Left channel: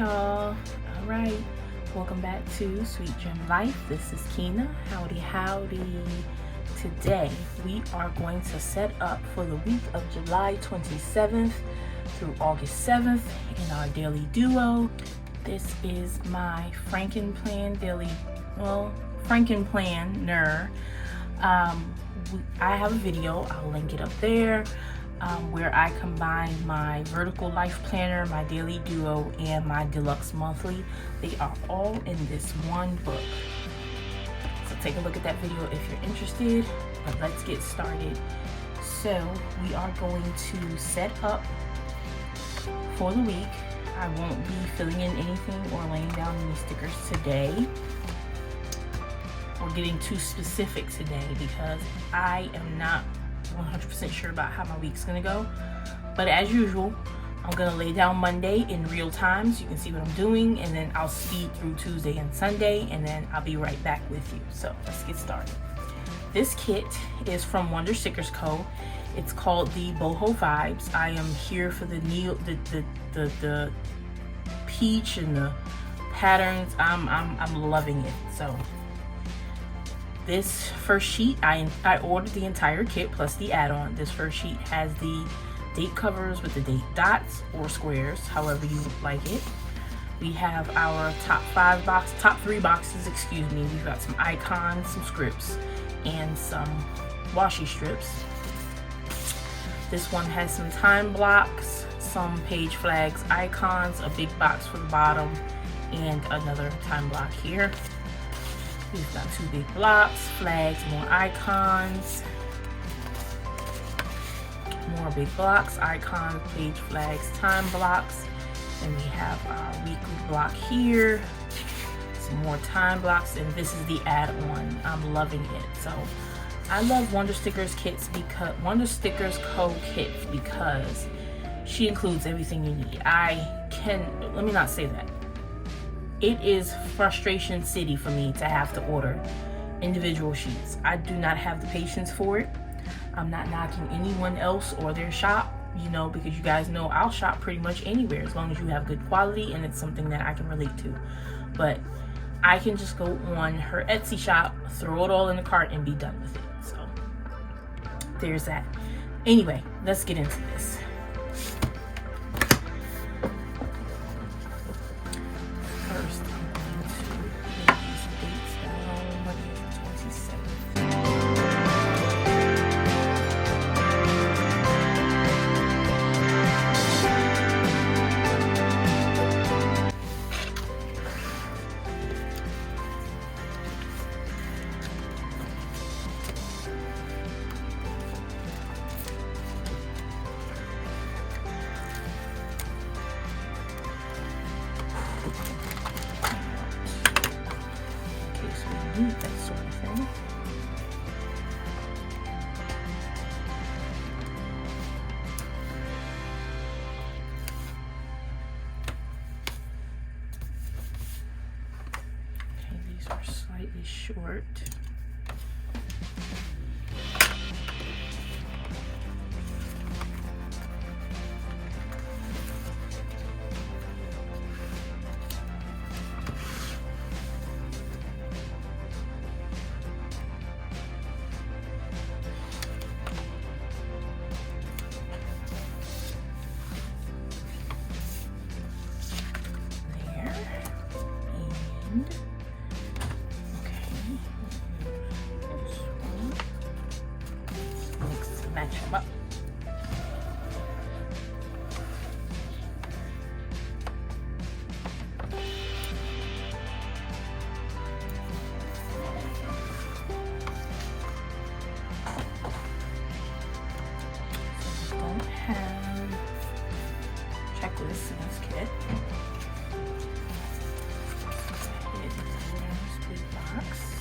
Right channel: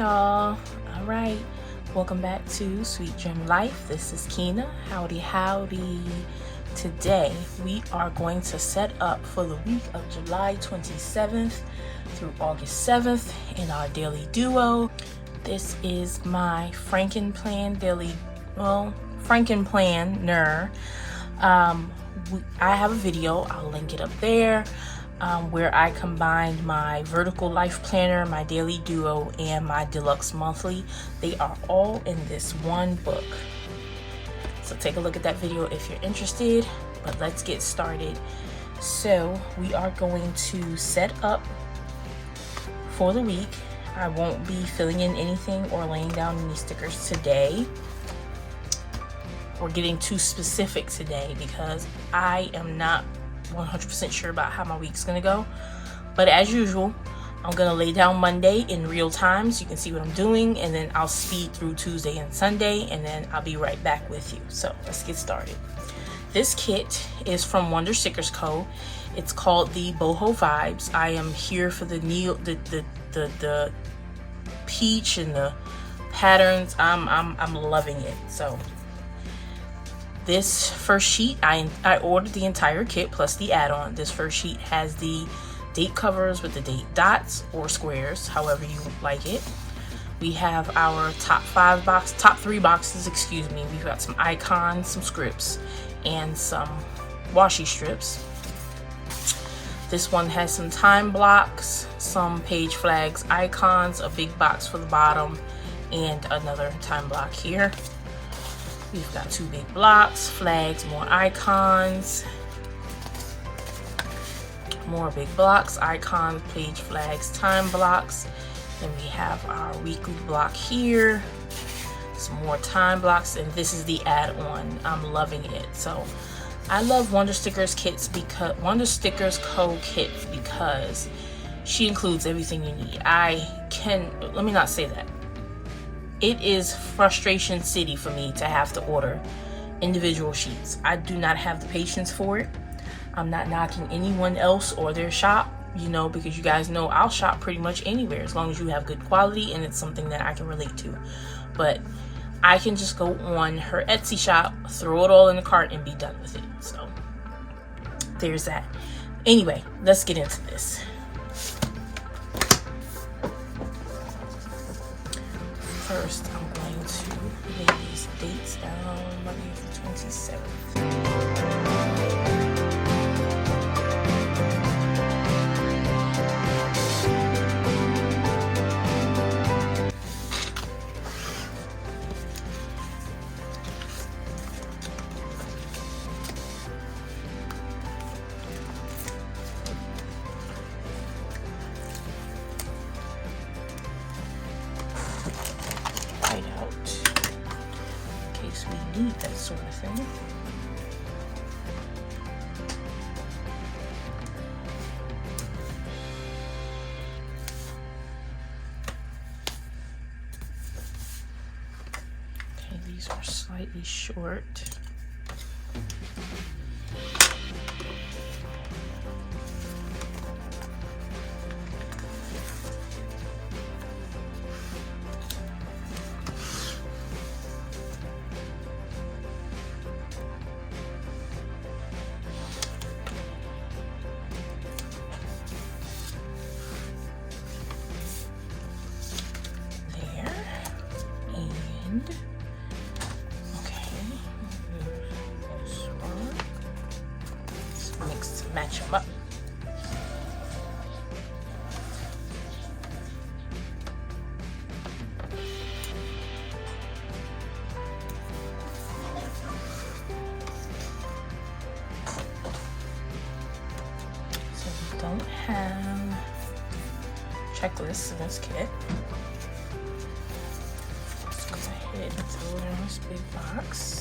y'all. All right, welcome back to Sweet Gem Life. This is Keena. Howdy. Today we are going to set up for the week of July 27th through August 7th in our daily duo. This is my Frankenplanner. I have a video, I'll link it up there, where I combined my vertical life planner, my daily duo, and my deluxe monthly. They are all in this one book. So take a look at that video if you're interested, but let's get started. So we are going to set up for the week. I won't be filling in anything or laying down any stickers today. We're getting too specific today because I am not 100% sure about how my week's gonna go. But as usual, I'm gonna lay down Monday in real time so you can see what I'm doing, and then I'll speed through Tuesday and Sunday, and then I'll be right back with you. So let's get started. This kit is from WonderStickerCo. It's called the Boho Vibes. I am here for the peach and the patterns. I'm loving it. So this first sheet, I ordered the entire kit plus the add-on. This first sheet has the date covers with the date dots or squares, however you like it. We have our top three boxes, excuse me. We've got some icons, some scripts, and some washi strips. This one has some time blocks, some page flags, icons, a big box for the bottom, and another time block here. We've got two big blocks, flags, more icons, more big blocks, icons, page flags, time blocks. Then we have our weekly block here, some more time blocks, and this is the add-on. I'm loving it. So I love WonderStickerCo kits because she includes everything you need. Let me not say that. It is frustration city for me to have to order individual sheets. I do not have the patience for it. I'm not knocking anyone else or their shop, because you guys know I'll shop pretty much anywhere as long as you have good quality and it's something that I can relate to. But I can just go on her Etsy shop, throw it all in the cart, and be done with it. So there's that. Anyway, let's get into this. First, I'm going to lay these dates down. Monday is the 27th. That sort of thing. Okay, these are slightly short. Match them up. So we don't have checklists in this kit. Let's go ahead and throw it in this big box.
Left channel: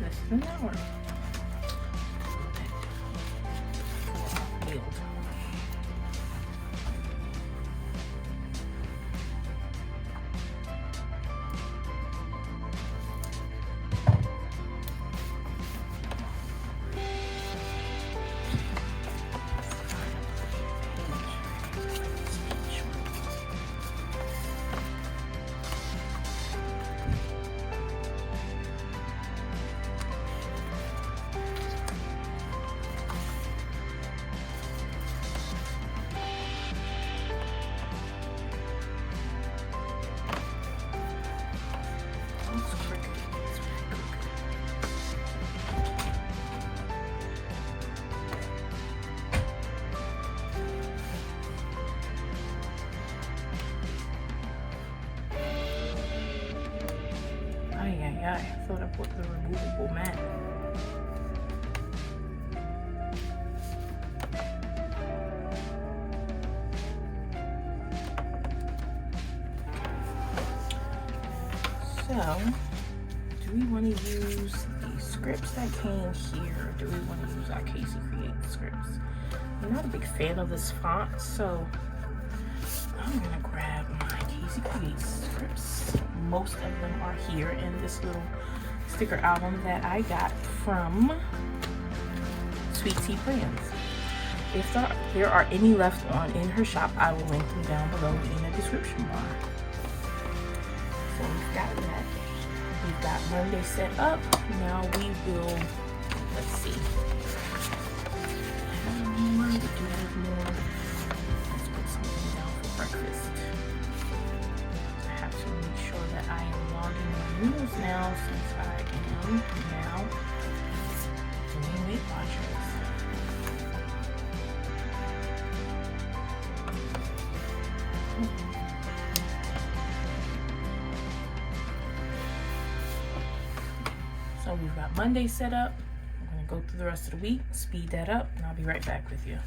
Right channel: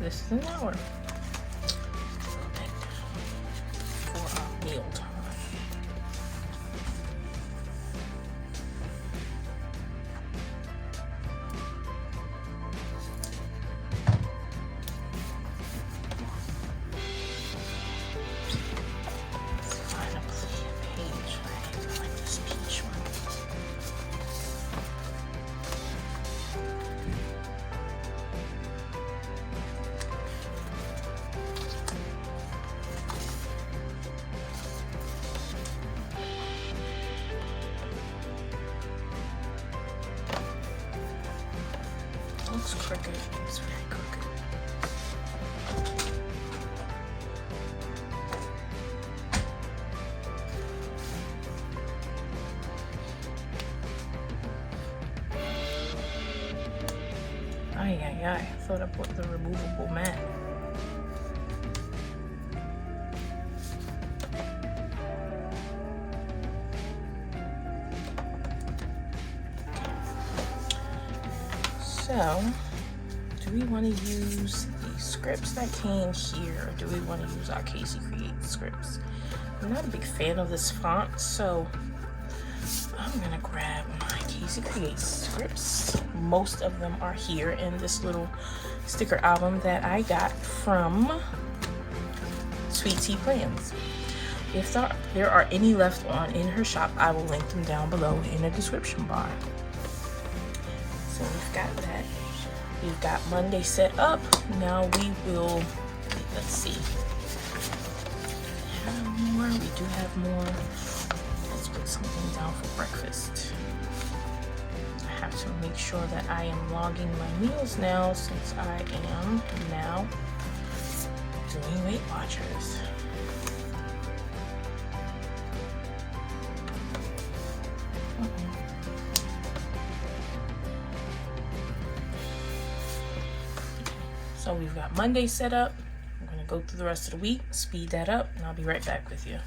This is an hour. failed. Looks crooked. It's very crooked. I thought I bought the removable mat. So, do we want to use the scripts that came here, or do we want to use our Casey Create scripts? I'm not a big fan of this font, so I'm gonna grab my Casey Create scripts. Most of them are here in this little sticker album that I got from Sweet Tea Plans. If there are any left on in her shop, I will link them down below in the description bar. So we've got that. We've got Monday set up. Now we will, let's see. Have more. We do have more. Let's put something down for breakfast. I have to make sure that I am logging my meals now, since I am now doing Weight Watchers. So we've got Monday set up. I'm gonna go through the rest of the week, speed that up, and I'll be right back with you.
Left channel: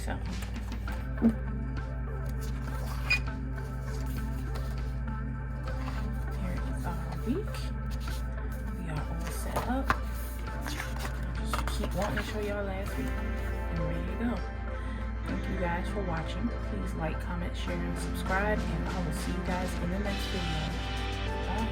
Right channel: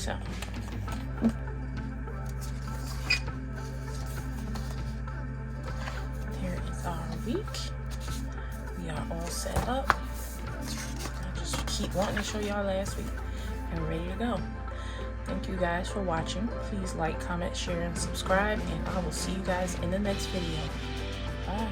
So here is our week. We are all set up. I just keep wanting to show y'all last week and ready to go. Thank you guys for watching. Please like, comment, share, and subscribe, and I will see you guys in the next video. Bye.